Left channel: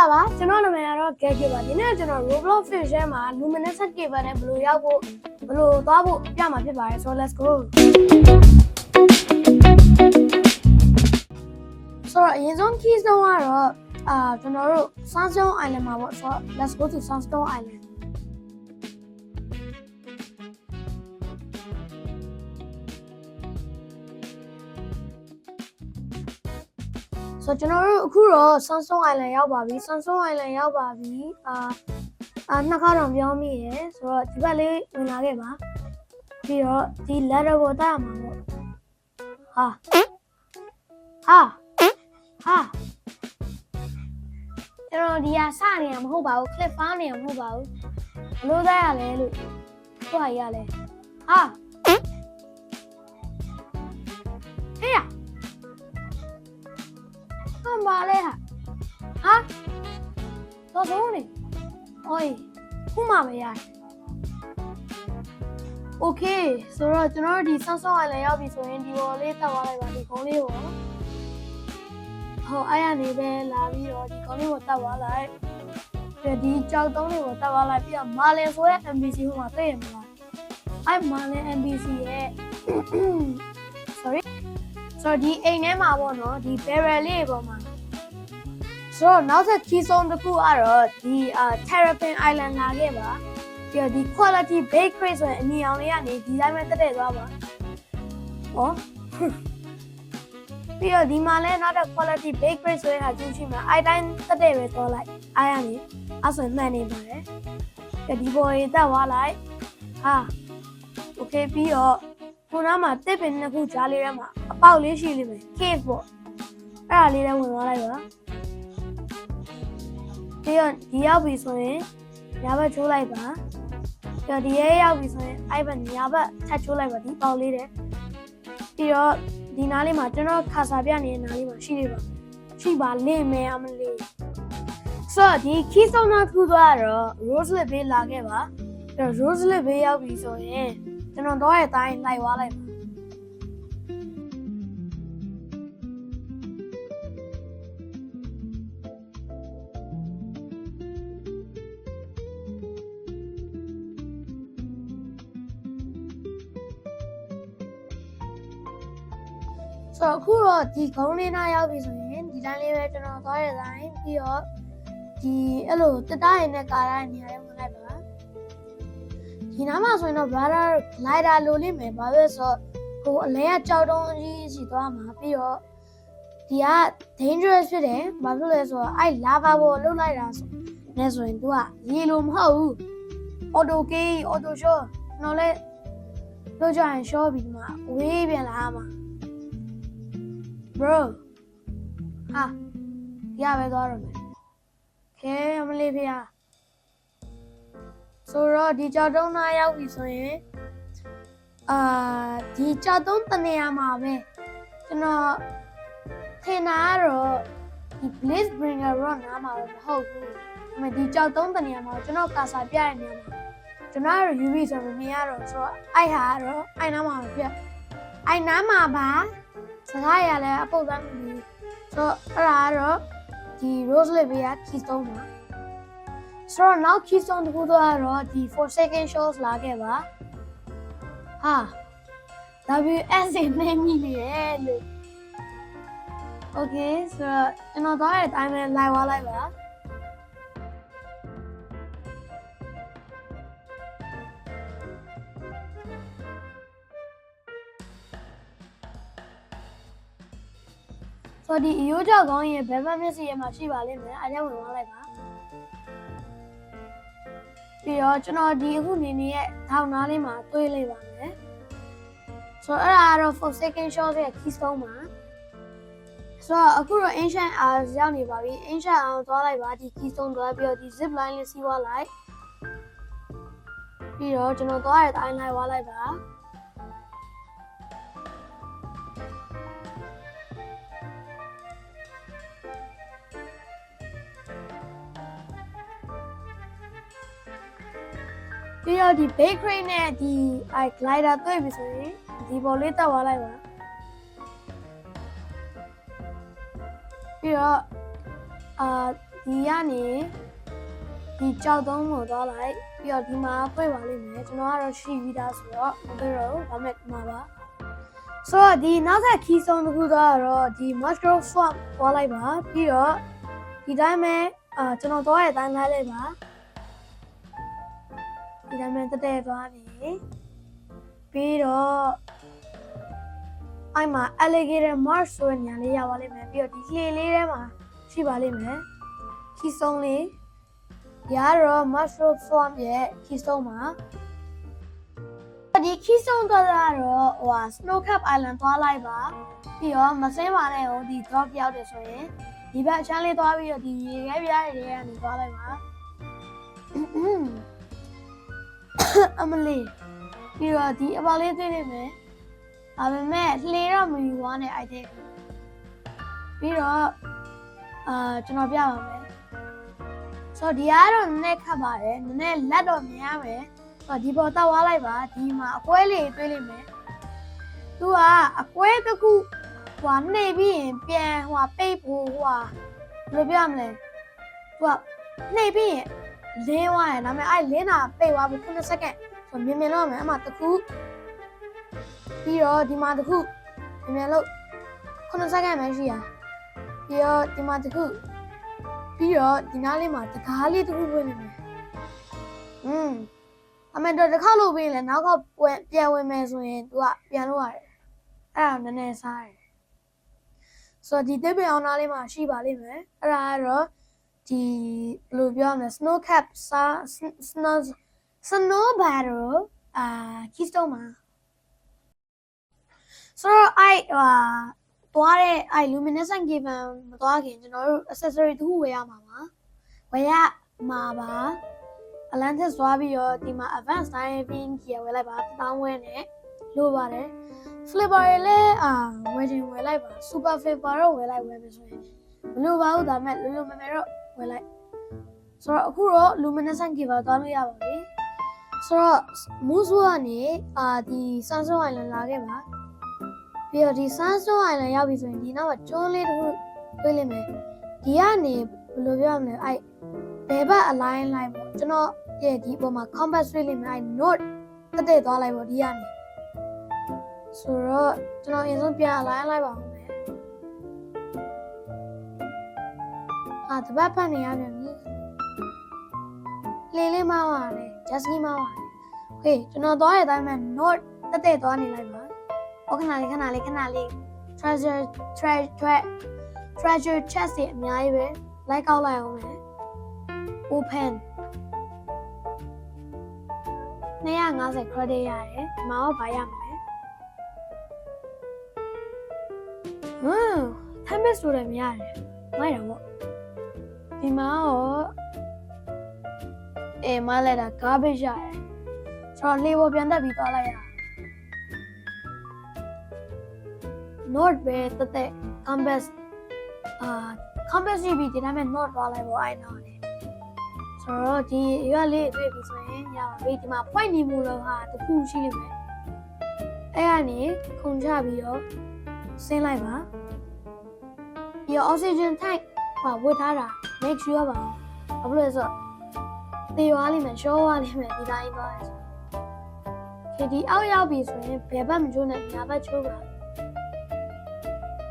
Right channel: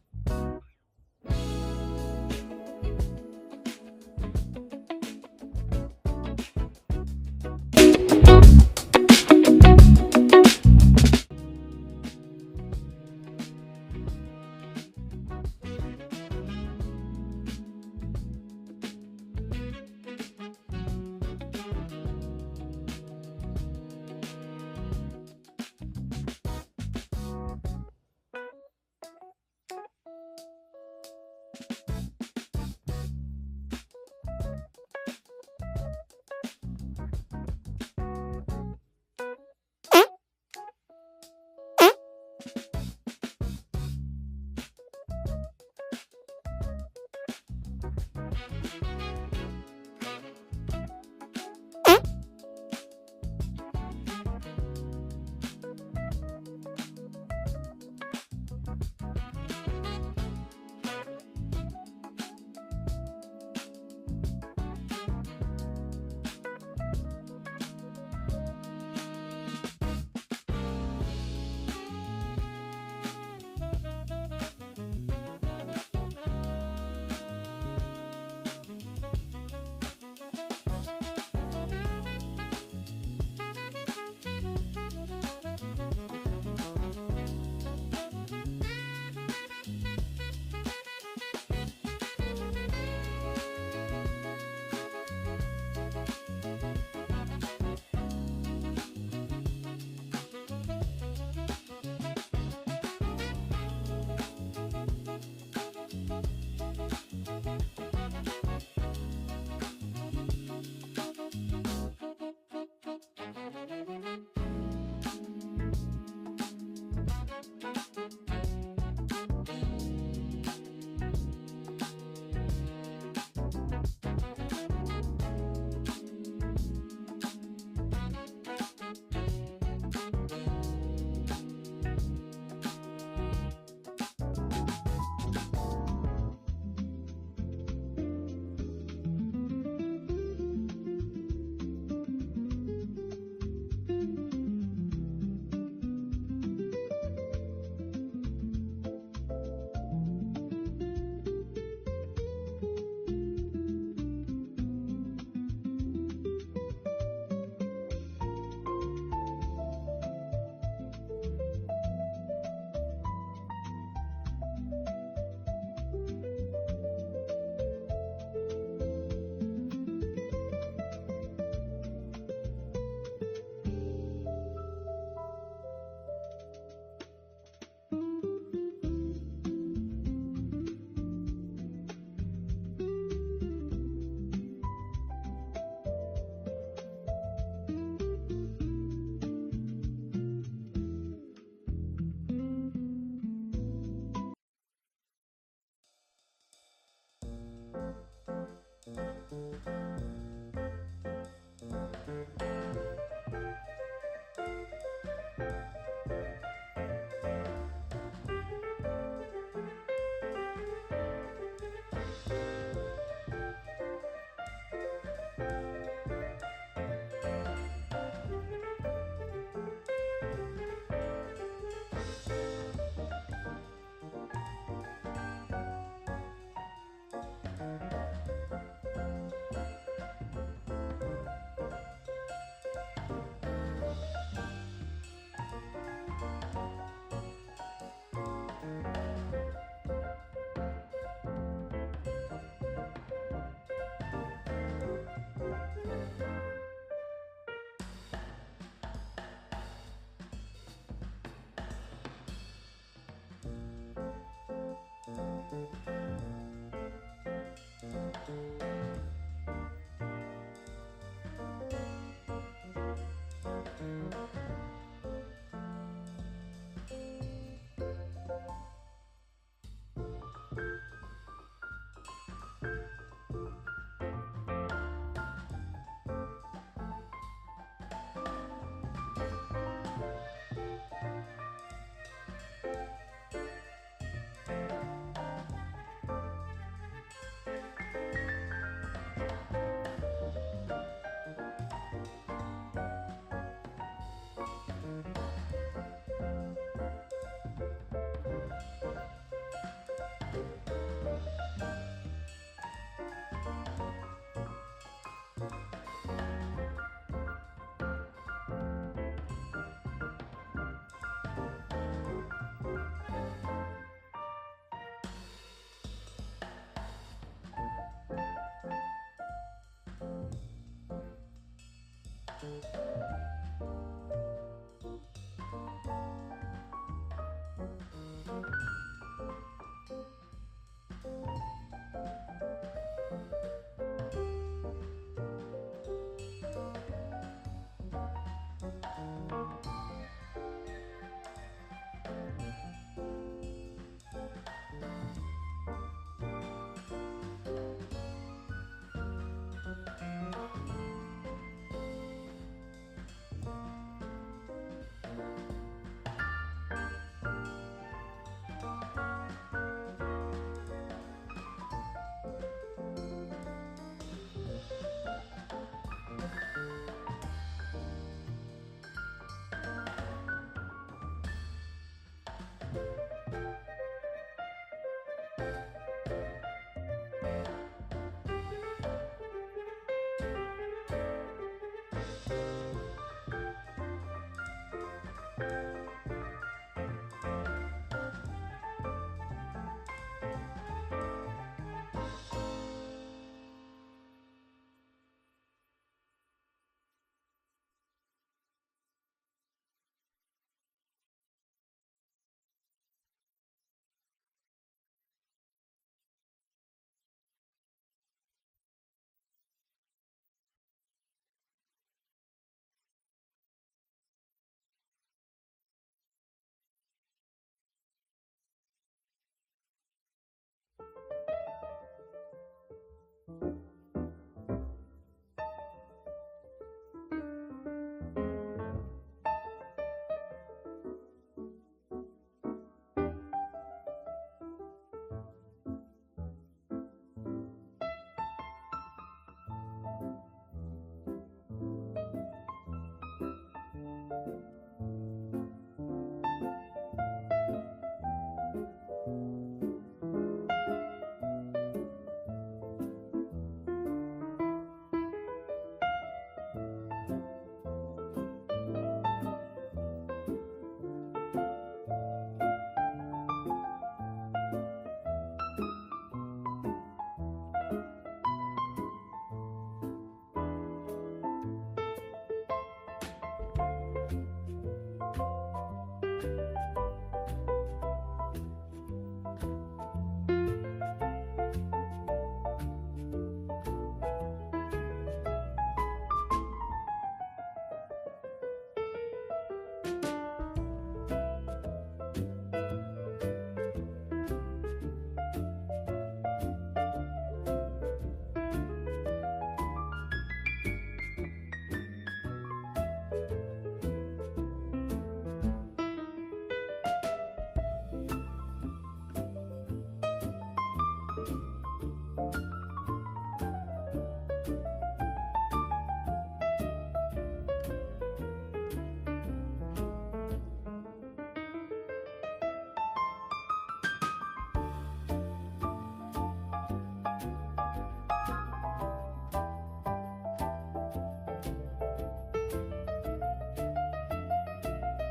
လာပါကျွန်တော်နာမည်ကတော့ Gage ပါဒီနေ့ကျွန်တော် Roblox Fish ထဲမှာ Luminescent Cable နဲ့ဘယ်လိုရောက်ဖို့ဘယ်လိုသွားဖို့ပြမှာဖြစ်ပါတယ် so let's go ဆိုတော့အရင်ဆုံး key ဆုံးကတော့ကျွန်တော်တို့ Sunstone Island မှာပေါ့ဆိုတော့ let's go to Sunstone Islandဆိုကျွန်တော်တို့အခုတော့ Sunstone Island ရောက်ပါပြီ Sunstone Island ရောက်ပါပြီနှစ်ခါတော့ပြောမိရယ်ဆိုတော့ဒီဘက်လေးဝင်လာခဲ့ပါပြီးတော့ဒီ ladder ကိုတက်ရမှာပေါ့ဟာကျွန်တော်ဒီကစနေရမဟုတ်ပါဘူး clip ဖောင်းနေရမဟုတ်ပါဘူးဘလို့တက်ရလဲလို့တွားရလဲဟေးရပါလေတော့နေအိုးခုမှမရโอเคဆိုတော့ကျွန်တော်ဒီဆော့ဆော့လည်းရောက်ပြီဆိုရင်ဒီပေါ်လေးတက်သွားလိုက်ပါဒီကုန်းလေးကိုဟောအဲ့ရနေပဲလာပြီးတော့ဒီကုန်းလေးကိုတက်သွားလိုက်ဒီကြောက်တုံးလေးကိုတက်သွားလိုက်ပြီးတော့မာလင်ဆိုရဲ့ NPC ဟိုမှာသိရမလားအဲ့မာလင် NPC ရဲ့ sorry ဆိုတော့ဒီအိမ်ထဲမှာပေါ့နော်ဒီ barrel လေးပေါ်မှာဆိုတော့နောက်ထပ် key zone တစ်ခုကတော့ဒီ Terrapin Island လာခဲ့ပါပြီးတော့ဒီ quality bakery ဆိုရင်အနီအောင်လေးကနေဒီတိုင်းပဲတက်သွားပါဟောပြီးတော့ဒီမှာလည်းနောက်ထပ် quality bakery ဆိုရင်ဟာကျင်းချင်းမှာအဲ့တိုင်းတက်ပဲသွားလိုက်အားရနေအဲ့ဆိုမှန်နေပါတယ်ဒီပေါ်ရေးတက်သွားလိုက်โอเคပြီးတော့ခုနမှာတစ်ပင်နှစ်ခုကြားလေးထဲမှာအပေါက်လေးရှိလိမ့်မယ် cave ပေါ့အဲ့ဒါလေးလည်းဝင်သွားလိုက်ပါပြီးတော့ဒီရောက်ပြီဆိုရင်ညာဘက်ချိုးလိုက်ပါပြီးတော့ဒီရဲရောက်ပြီဆိုရင်အဲ့ဘက်ညာဘက်ထပ်ချိုးလိုက်ပါဒီပေါက်လေးတဲ့ပြီးတော့ဒီနားလေးမှာကျွန်တော်ခါစာပြနေတဲ့နားလေးမှာရှိပါလိမ့်မယ်အမလေးဆိုတော့ဒီ key zone မှာထူသွားတော့ Roselet Bay လာခဲ့ပါပြီးတော့ Roselet Bay ရောက်ပြီဆိုရင်ကျွန်တော်တော့ရဲ့တိုင်းလိုက်သွားလိုက်ပါဆိုတော့အခုတော့ဒီကုန်းလေးနားရောက်ပြီဆိုရင်ဒီတိုင်းလေးပဲကျွန်တော်သွားရတိုင်းပြီးတော့ဒီအဲ့လိုတက်တားရင်းနဲ့ကားတိုင်းနေရာဝင်လိုက်ပါဒီနားမှာဆိုရင်တော့ brother လိုက်တာလိုလိမ့်မယ်ဘာလို့ဆိုတော့ဟိုအလဲကကြောက်တုံးကြီးစီသွားမှာပြီးတော့ဒီက dangerous ဖြစ်တယ်ဘာလို့လဲဆိုတော့အဲ့ lava ပေါ်လှုပ်လိုက်တာဆိုနေဆိုရင် तू ကရေလိုမဟုတ်ဘူး auto key auto shot တော့လဲလှုပ်ကြရင် shot ပြီးမှဝေးပြန်လာမှာbro ရပဲသွားရမယ်ခဲအမလေးဖေးဆိုတော့ဒီကြောက်တုံးသားရောက်ပြီဆိုရင်ဒီကြောက်တုံးတနေရာမှာပဲကျွန်တော်ထင်တာကတော့ဒီ Blaze Bringer Rock နားမှာမဟုတ်ဘူးဒီကြောက်တုံးတနေရာမှာကျွန်တော်ကာစာပြရနေတယ်ကျွန်တော်ကတော့ UV ဆိုတော့မြင်ရတော့ဆိုတော့အဲ့ဟာကတော့အဲ့နားမှာပြအဲ့နားမှာပါစကားရလဲအပုတ်သားမျိုးဆိုတော့အဲ့ဒါကတော့ဒီ Roselet Bay က key zone ပါဆိုတော့နောက် key zone တစ်ခုတော့ဒီ Forsaken Shores လာခဲ့ပါWS နဲ့မိနေတယ်လို့ Okay ဆိုတော့ကျွန်တော်သွားတဲ့အတိုင်းပဲလိုက်သွားလိုက်ပါဆိုဒီအယိုးကြောက်ကောင်းရဲ့ဘယ်ဘက်မျက်စိရဲ့မှာရှိပါလိမ့်မယ်အားကြောင့်ဝင်သွားလိုက်ပါပြီးတော့ကျွန်တော်ဒီအခုနေနေရဲ့ထောင်နားလေးမှာတွေးလိုက်ပါမယ်ဆိုတော့အဲ့ဒါကတော့ Forsaken Shores ရဲ့ key zone မှာဆိုတော့အခုတော့ Ancient Hours ရောက်နေပါပြီ Ancient Hours သွားလိုက်ပါဒီ key zone သွားပြီးတော့ဒီ zip line လေးစီးသွားလိုက်ပြီးတော့ကျွန်တော်သွားတဲ့အတိုင်းလိုက်သွားလိုက်ပါပြီးတော့ဒီ bakery နဲ့ဒီ glider တွေ့ပြီဆိုရင်ဒီပေါ်လေးတက်သွားလိုက်ပါပြီးတော့ ဒီကနေဒီကြောက်သုံးကိုသွားလိုက်ပြီးတော့ဒီမှာဖွင့်ပါလိမ့်မယ်ကျွန်တော်ကတော့ရှိပြီးသားဆိုတော့ဘယ်လိုဒါမဲ့ဒီမှာပါဆိုတော့ဒီနောက်ထပ် key ဆုံးတစ်ခုတော့ဒီ mushroom swamp သွားလိုက်ပါပြီးတော့ဒီတိုင်းပဲကျွန်တော်သွားတဲ့အတိုင်းလိုက်လိုက်ပါဒီတိုင်းပဲတက်တက်သွားပြီပြီးတော့အဲ့မှာ alligator marsh ဆိုတဲ့နေရာလေးရောက်ပါလိမ့်မယ်ပြီးတော့ဒီလှေလေးထဲမှာရှိပါလိမ့်မယ် key ဆုံးလေးဒီကတော့ mushroom swamp ရဲ့ key ဆုံးပါဒီ key ဆုံးတော့snow cap island သွားလိုက်ပါပြီးတော့မစင်းပါနဲ့ဟိုဒီ drop ရောက်တယ်ဆိုရင်ဒီဘက်အချမ်းလေးသွားပြီးတော့ဒီရေခဲပြားတွေကနေသွားလိုက်ပါအမလေးပြီးတော့ဒီအပေါလေးတွေ့နေမယ်ဒါပေမဲ့လှေတော့မယူသွားနဲ့အဲ့တဲ့ပြီးတော့ကျွန်တော်ပြပါမယ်ဆိုတော့ဒီကတော့နည်းနည်းခတ်ပါတယ်နည်းနည်းလက်တော့မြင်ရမယ်ဒီပေါ်တောက်သွားလိုက်ပါဒီမှာအကွဲလေးတွေးလိမ့်မယ်သူကအကွဲတစ်ခုဟိုနှိပ်ပြီးရင်ပြန်ဟိုပိတ်ဖို့ဟိုဘယ်လိုပြောရမလဲသူကနှိပ်ပြီးရင်လင်းသွားတယ်ဒါပေမဲ့အဲ့လင်းတာပိတ်သွားပြီ9စက္ကန့်ဆိုမြင်မြင်တော့မယ်အမှတစ်ခုပြီးတော့ဒီမှာတစ်ခုမြင်မြင်လို့9စက္ကန့်ပဲရှိရပြီးတော့ဒီမှာတစ်ခုပြီးတော့ဒီနားလေးမှာတကားလေးတစ်ခုဝင်နေတယ်အမေတို့တစ်ခါလို့ပြီးရင်လည်းနောက်ခေါက်ပြန်ဝင်မယ်ဆိုရင်သူကပြန်လို့ရတယ်အဲ့ဒါနည်းနည်းစားတယ်ဆိုတော့ဒီတစ်ပင်အောင်နားလေးမှာရှိပါလိမ့်မယ်အဲ့ဒါကတော့ဒီဘယ်လိုပြောရမလဲ snow cap snow battle keystone မှာဆိုတော့သွားတဲ့luminescent cave မသွားခင်ကျွန်တော်တို့ accessory တစ်ခုဝယ်ရမှာပါဝယ်ရမှာပါ Atlantis သွားပြီးတော့ဒီမှာ advanced diving gear ဝယ်လိုက်ပါ1000ဝယ်နဲ့လို့ပါတယ် flipper တွေလည်းဝယ်ခြင်းဝယ်လိုက်ပါ super flipper တော့ဝယ်မယ်ဆိုရင်မလို့ပါဘူးဒါပေမဲ့လွယ်မယ်တော့ဝယ်လိုက်ဆိုတော့အခုတော့ luminescent cave သွားလို့ရပါပြီဆိုတော့ Moose ကနေဒီ Sunstone Island လာခဲ့ပါပြီးတော့ဒီ Sunstone Island ရောက်ပြီဆိုရင်ဒီနောက်ကကျွန်းလေးတစ်ခုတွေ့လိမ့်မယ်ဒီကနေဘယ်လိုပြောရမလဲဘယ်ဘက်အလိုင်းလိုက်ပေါ့ကျွန်တော်ရဲ့ဒီပေါ်မှာ compass တွေ့လိမ့်မယ်north တက်သွားလိုက်ပေါ့ဒီကနေဆိုတော့ကျွန်တော်အရင်ဆုံးပြန်အလိုင်းလိုက်ပါဦးမယ်တပတ်ဖတ်နေရပြန်ပြီလေလေးမောင်းရတယ် just မောင်းရတယ် okay ကျွန်တော်သွားတဲ့အတိုင်းမှာ north တက်သွားနေလိုက်ပါခဏလေး treasure chest တွေအများကြီးပဲလိုက်ကောက်လိုက်အောင်မယ် open 250 credit ရတယ်ဒီမှာတော့ဘာရမလဲtime base ဆိုလည်းမရတယ်မိုက်တာပေါ့ဒီမှာတော့မလဲတာ garbage ရတယ်ဆိုတော့လေပေါ်ပြန်တက်ပြီးသွားလိုက်ရအောင်north ပဲတက် compass compass ကြည့်ပြီးဒီတိုင်းမှာ north သွားလိုက်ပေါ့အဲ့နော်လေဆိုတော့ဒီရွာလေးတွေ့ပြီဆိုရင်ညောင်ဘေးဒီမှာ point နေမှုတော့တခုရှိနေမယ်အဲ့ကနေခုန်ချပြီးတော့ဆင်းလိုက်ပါပြီးတော့ oxygen tank ဝတ်ထားတာ make sure ပါဘာလို့လဲဆိုတော့သေသွားလိမ့်မယ်ရှော့သွားလိမ့်မယ်ဒီတိုင်းသွားတယ်ဒီအောက်ရောက်ပြီဆိုရင်ဘယ်ဘက်မချိုးနဲ့ညာဘက်ချိုးပါ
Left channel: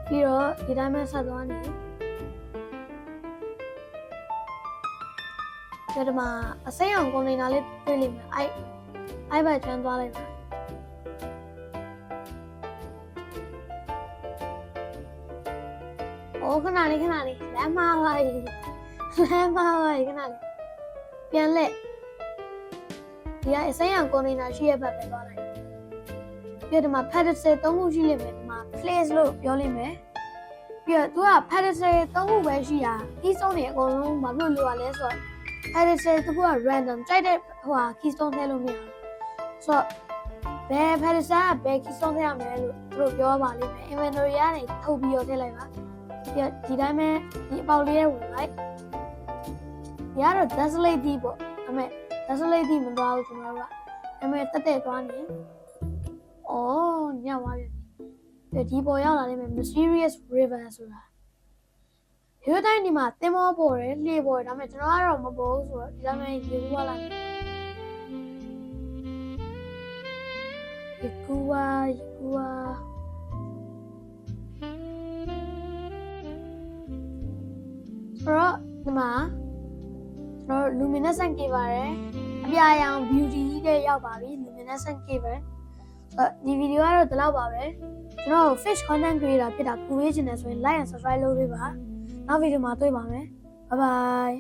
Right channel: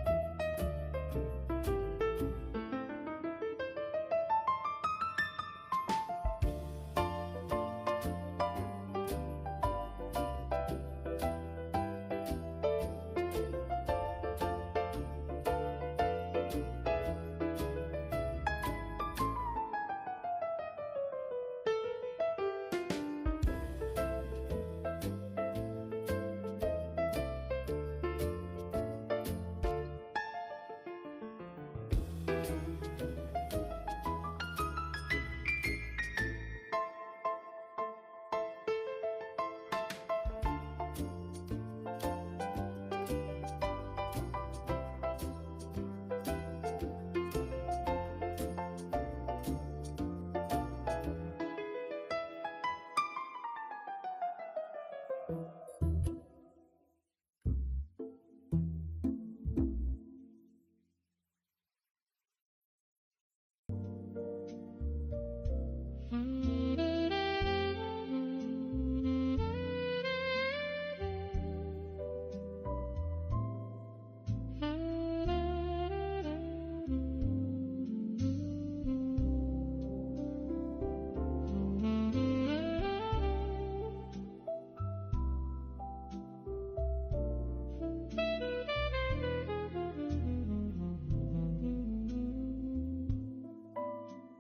ပြီးတော့ဒီတိုင်းမှာဆက်သွားနေဒီမှာအစိမ်းအောင်ကွန်တိန်နာလေးတွေ့လိမ့်မယ်အဲ့ဘက်ကျန်းသွားလိုက်ပါခဏလေးလမ်းမပါခဏလေးပြန်လက်ဒီကအစိမ်းအောင်ကွန်တိန်နာရှိရဘက်ပဲသွားလိုက်ပြီးတော့ဒီမှာ pedestal 3ခုရှိလိမ့်မယ်ဒီမှာ place လို့ပြောလိမ့်မယ်ပြီးတော့သူက pedestal 3ခုပဲရှိတာဒီဆုံးတွေအကုန်လုံးဘာလို့လိုရလဲဆိုတော့ pedestal တစ်ခုက random ကြိုက်တဲ့keystone ထည့်လို့မရဘူးဆိုတော့ဘယ် pedestal ကဘယ် keystone ထည့်ရမလဲလို့သူတို့ပြောပါလိမ့်မယ် inventory ကနေထုတ်ပြီးတော့ထည့်လိုက်ပါပြီးတော့ဒီတိုင်းပဲဒီအပေါက်လေးရဲ့ဝင်လိုက်ရတော့ desolate ဒီပေါ့ဒါပေမဲ့ desolate ဒီမသွားဘူးကျွန်တော်တို့ကဒါပေမဲ့တက်သွားနေညသွားပြီဒီပေါ်ရောက်လာလိမ့်မယ် mysterious river ဆိုတာ ရိုးတိုင်းဒီမှာသင်္ဘောပေါ်တယ်လှေပေါ်တယ်ဒါပေမဲ့ကျွန်တော်ကတော့မပေါ်ဘူးဆိုတော့ဒီတိုင်းရေကူးသွားလိုက်ရေကူးသွားဆိုတော့ဒီမှာကျွန်တော် luminescent cave ပါတယ်အပြာရောင် beauty တဲ့ရောက်ပါပြီ luminescent cave ပဲဒီဗီဒီယိုကတော့ဒီလောက်ပါပဲကျွန်တော် fish content creator ဖြစ်တာကူရေးချင်တယ်ဆိုရင် like and subscribe လုပ်ပေးပါနောက်ဗီဒီယိုမှာတွေ့ပါမယ် bye bye